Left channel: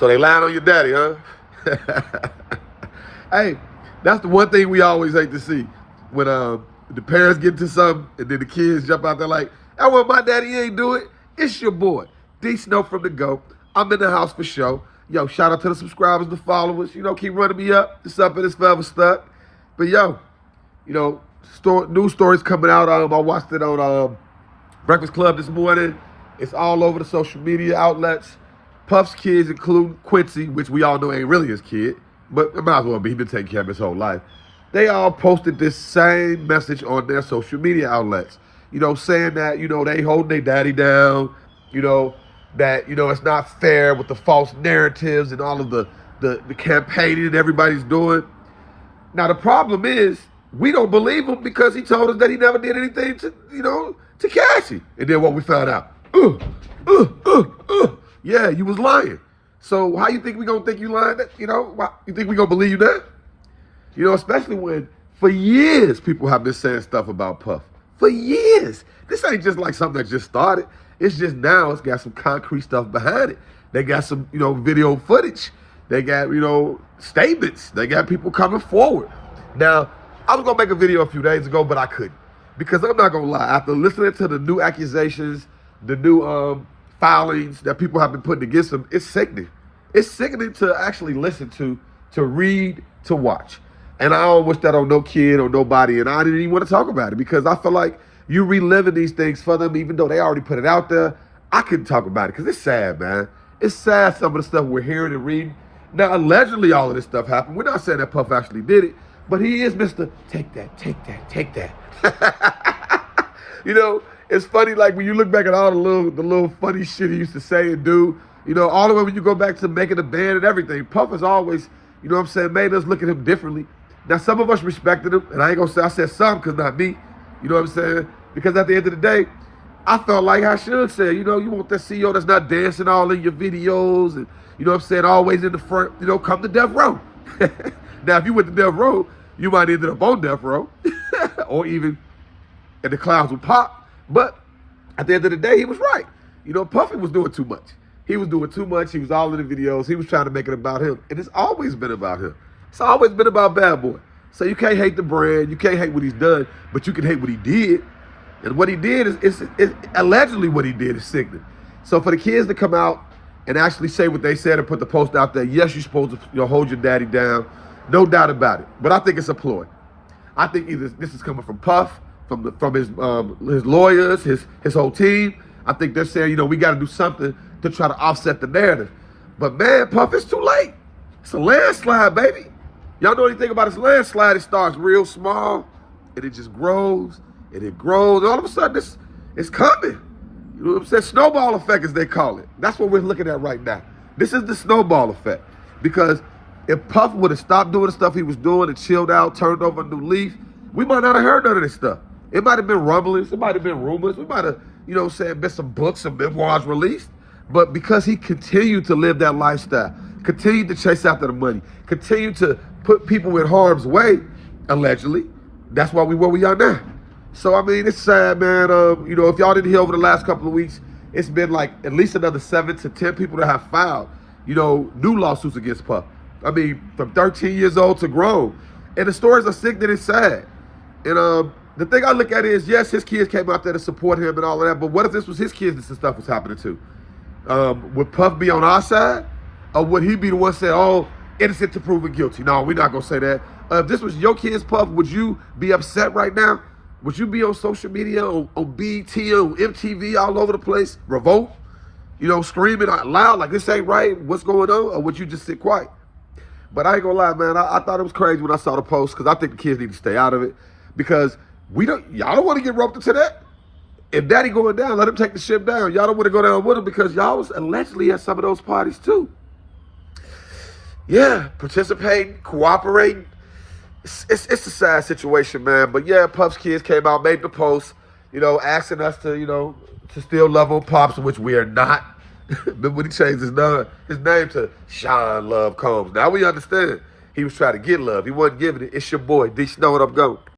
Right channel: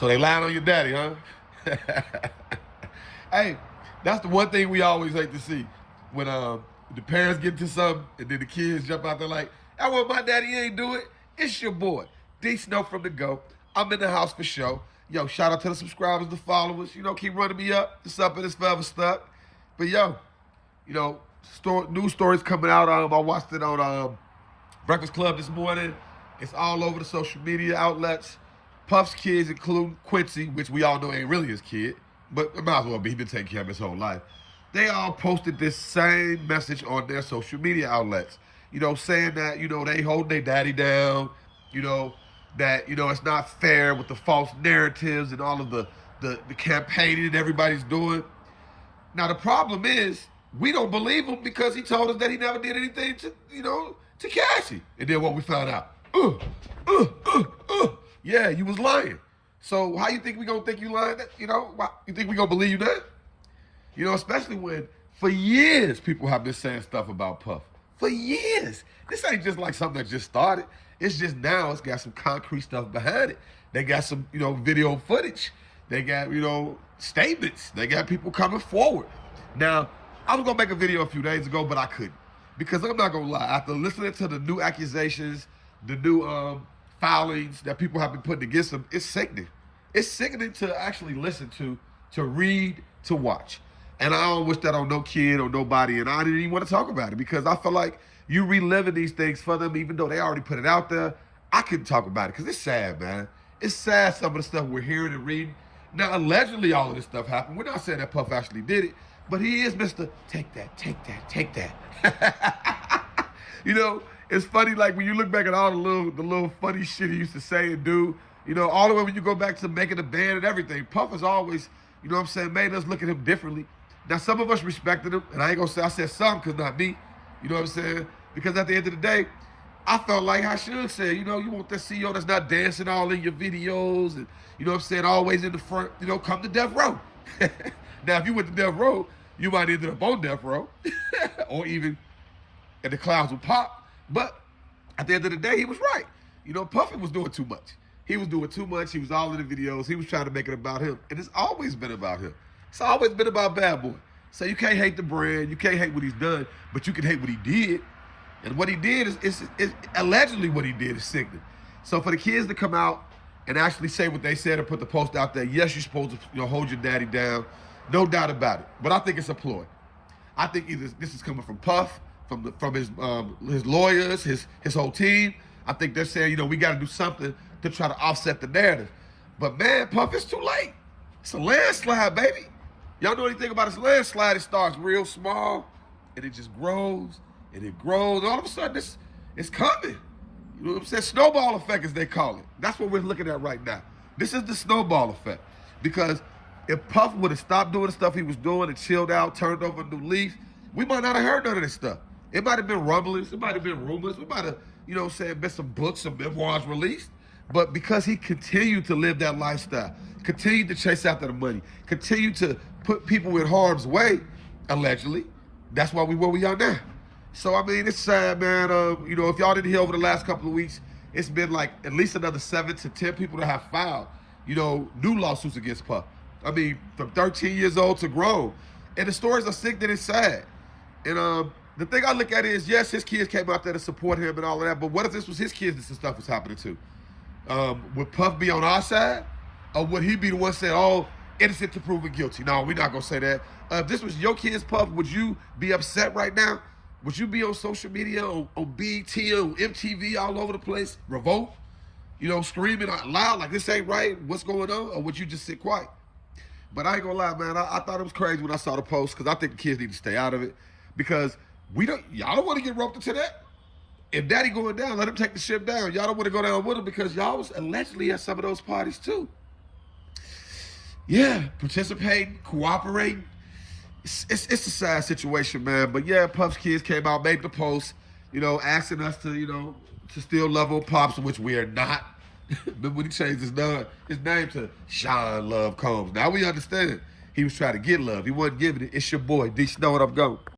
So they lying on your daddy, huh? Hey, that's the one thing we always hate to see. When the parents get to something and then the kids jump out there like, I want my daddy ain't do it. It's your boy, D Snow from the Go. I'm in the house for show. Yo, shout out to the subscribers, the followers. You know, keep running me up. It's up and it's forever stuck. But yo, you know, news stories coming out. I watched it on Breakfast Club this morning. It's all over the social media outlets. Puff's kids, including Quincy, which we all know ain't really his kid, but it might as well be. He's been taking care of his whole life. They all posted this same message on their social media outlets. You know, saying that, you know, they holding their daddy down, you know, that, you know, it's not fair with the false narratives and all of the campaigning that everybody's doing. Now, the problem is, we don't believe him because he told us that he never did anything to, you know, to Cassie. And then what we found out, yeah, you was lying. So how you think we gonna think you lying? You know, you think we gonna believe you that? You know, especially when for years people have been saying stuff about Puff. For years. This ain't just like something that just started. It's just now it's got some concrete stuff behind it. They got some, you know, video footage. They got, you know, statements. They got people coming forward. Now, I was gonna make a video a few days ago, but I couldn't. Because I'm not gonna lie, after listening to the new accusations, the new filings that people have been putting against him, it's sickening. It's sickening to actually listen to read, to watch. And I don't wish that on no kid or nobody, and I didn't even want to talk about it because I feel like you reliving these things for them, even though they already put it out there. I couldn't talk about it because it's sad, man. It's sad, some of the stuff we're hearing and reading. Now, allegedly all of this stuff happened. We're not saying that Puff actually did it, but he is Mr. Take that, take that, take that. You know, it's funny, like when you look back at all the little funny shit he used to say and do, you know, all the way when you go back to making the band and everything, Puff has always, you know what I'm saying, made us look at him differently. Now, some of us respected him, and I ain't gonna say I said some because not me, you know what I'm saying? Because at the end of the day, I felt like I should say, you know, you want that CEO that's not dancing all in your videos and, you know what I'm saying, always in the front, you know, come to death row. Now, if you went to death row, you might end up on death row or even in the clouds with Pop. But at the end of the day, he was right. You know, Puffy was doing too much. He was doing too much. He was all in the videos. He was trying to make it about him. And it's always been about him. It's always been about Bad Boy. So you can't hate the brand. You can't hate what he's done, but you can hate what he did. And what he did is allegedly what he did is sickening. So for the kids to come out and actually say what they said and put the post out there, yes, you're supposed to, you know, hold your daddy down. No doubt about it. But I think it's a ploy. I think either this is coming from Puff, from his lawyers, his whole team. I think they're saying, you know, we got to do something to try to offset the narrative. But man, Puff, it's too late. It's a landslide, baby. Y'all know anything about this landslide? It starts real small, and it just grows, and it grows. And all of a sudden, it's coming. You know what I'm saying? Snowball effect, as they call it. That's what we're looking at right now. This is the snowball effect. Because if Puff would have stopped doing the stuff he was doing and chilled out, turned over a new leaf, we might not have heard none of this stuff. It might have been rumblings. It might have been rumors. We might have, you know what I'm saying, been some books, some memoirs released. But because he continued to live that lifestyle, continued to chase after the money, continued to put people in harm's way, allegedly, that's why we where we are now. So, I mean, it's sad, man. You know, if y'all didn't hear over the last couple of weeks, it's been like at least another 7 to 10 people that have filed, you know, new lawsuits against Puff. I mean, from 13 years old to grown. And the stories are sick and it's sad. And the thing I look at is, yes, his kids came out there to support him and all of that, but what if this was his kids that this stuff was happening to? Would Puff be on our side? Or would he be the one saying, oh, innocent to proven guilty? No, we're not going to say that. If this was your kids, Puff, would you be upset right now? Would you be on social media, on BT, on MTV, all over the place, revolt, you know, screaming out loud like this ain't right, what's going on? Or would you just sit quiet? But I ain't gonna lie, man, I thought it was crazy when I saw the post because I think the kids need to stay out of it because y'all don't want to get roped into that. If daddy going down, let him take the ship down. Y'all don't want to go down with him because y'all was allegedly at some of those parties too. Yeah, participating, cooperating. It's a sad situation, man. But yeah, Puff's kids came out, made the post, you know, asking us to, you know, to still love on Pops, which we are not. Then when he changed his name to Sean Love Combs. Now we understand he was trying to get love. He wasn't giving it. It's your boy, D Snow, and I'm going.